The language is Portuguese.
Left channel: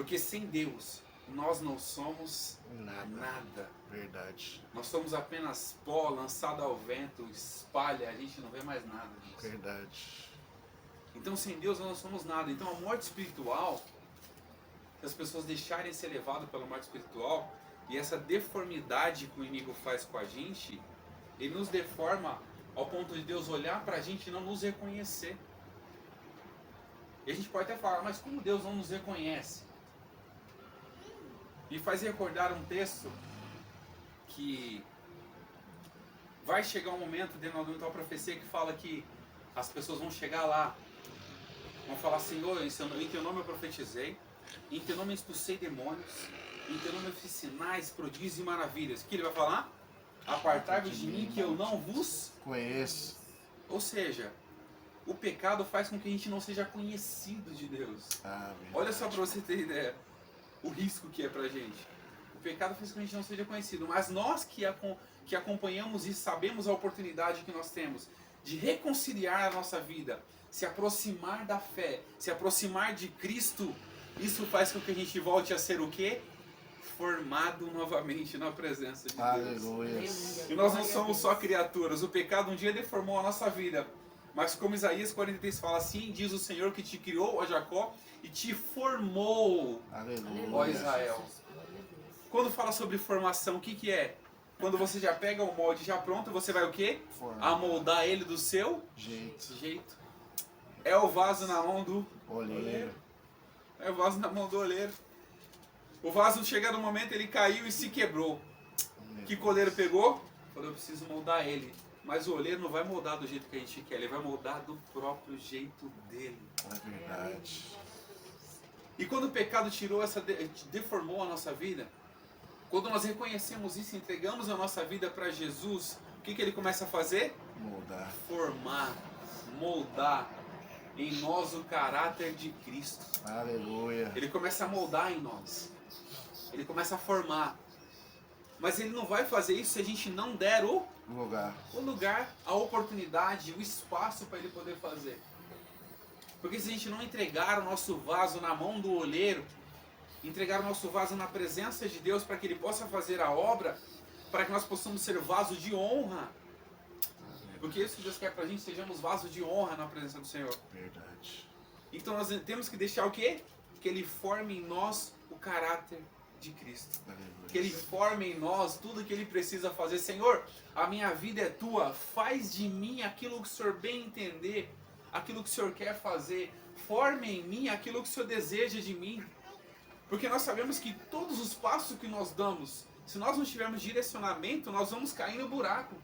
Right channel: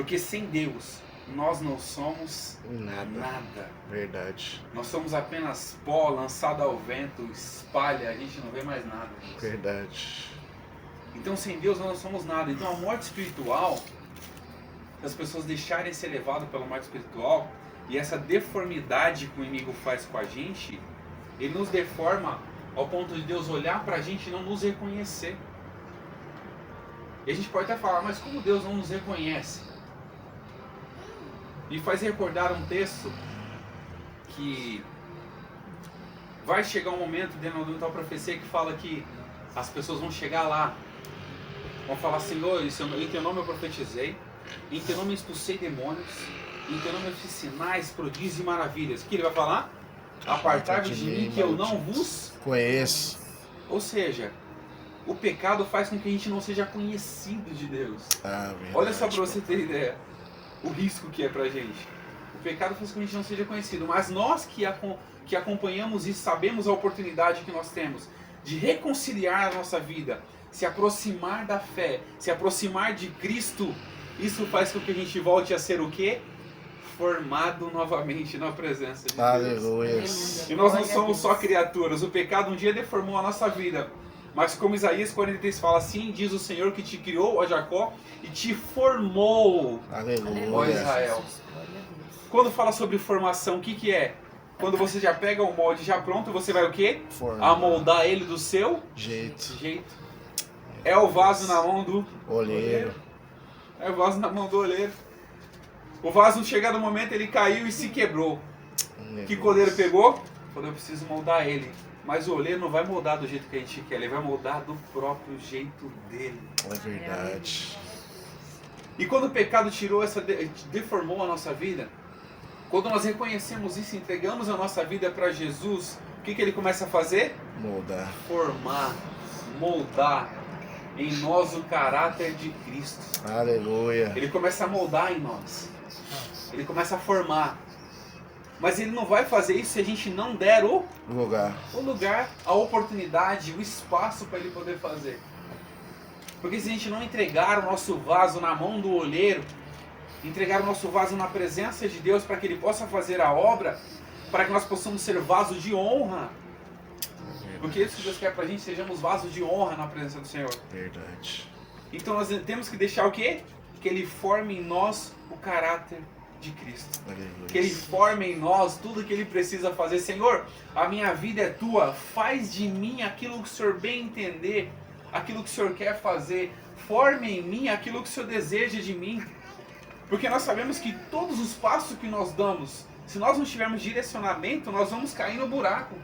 Porque sem Deus, nós não somos Nada. nada. Verdade. Nós somos apenas pó lançado ao vento, espalha, a gente não vê mais nada disso. Verdade. Então sem Deus nós não somos nada. Então a morte espiritual, se as pessoas deixarem ser levadas pela morte espiritual, e essa deformidade que o inimigo faz com a gente, ele nos deforma ao ponto de Deus olhar pra gente e não nos reconhecer. E a gente pode até falar, mas como Deus não nos reconhece? E faz recordar um texto que vai chegar um momento dentro da tal profecia que fala que as pessoas vão chegar lá, vão falar, Senhor, em teu nome eu profetizei, em teu nome eu expulsei demônios, em teu nome eu fiz sinais, prodígios e maravilhas. O que ele vai falar? Apartai-vos de mim que eu não vos conheço. Ou seja, o pecado faz com que a gente não seja conhecido de Deus. Verdade, olha só para você ter ideia o risco que é pra gente. O pecado faz com que a gente não seja conhecido, mas nós que acompanhamos e sabemos a oportunidade que nós temos de reconciliar a nossa vida, se aproximar da fé, se aproximar de Cristo, isso faz com que a gente volte a ser o quê? Formado novamente na presença de Deus. Aleluia. E nós não somos só criaturas, o pecado um dia deformou a nossa vida. Mas como Isaías 43 fala, assim diz o Senhor que te criou, ó Jacó, e te formou, ó Aleluia. Israel. Quando fala sobre formação, o que é? Quando você já pega o molde já pronto, você vai o quê? Formar. Amoldar ele do seu Jeito. jeito. É o vaso na mão do Olheiro. É o vaso na mão do olheiro. O vaso, chegado o momento, ele caiu e se quebrou. Que coleiro pegou? Falou, eu preciso moldar ele. Mas o olheiro não vai moldar do jeito que a gente quer, ele vai moldar do próprio jeito dele. É verdade. E quando o pecado tirou deformou a nossa vida, quando nós reconhecemos isso, entregamos a nossa vida para Jesus, o que ele começa a fazer? Moldar. Formar, moldar em nós o caráter de Cristo. Aleluia. Ele começa a moldar em nós. Ele começa a formar. Mas ele não vai fazer isso se a gente não der o lugar, a oportunidade, o espaço para ele poder fazer. Porque se a gente não entregar o nosso vaso na mão do olheiro, entregar o nosso vaso na presença de Deus para que ele possa fazer a obra, para que nós possamos ser vaso de honra. Porque isso que Deus quer para a gente, sejamos vasos de honra na presença do Senhor. Verdade. Então nós temos que deixar o quê? Que ele forme em nós o caráter de Cristo. Aleluia. Que ele forme em nós tudo que ele precisa fazer. Senhor, a minha vida é tua, faz de mim aquilo que o Senhor bem entender, aquilo que o Senhor quer fazer. Forme em mim aquilo que o Senhor deseja de mim. Porque nós sabemos que todos os passos que nós damos, se nós não tivermos direcionamento, nós vamos cair no buraco.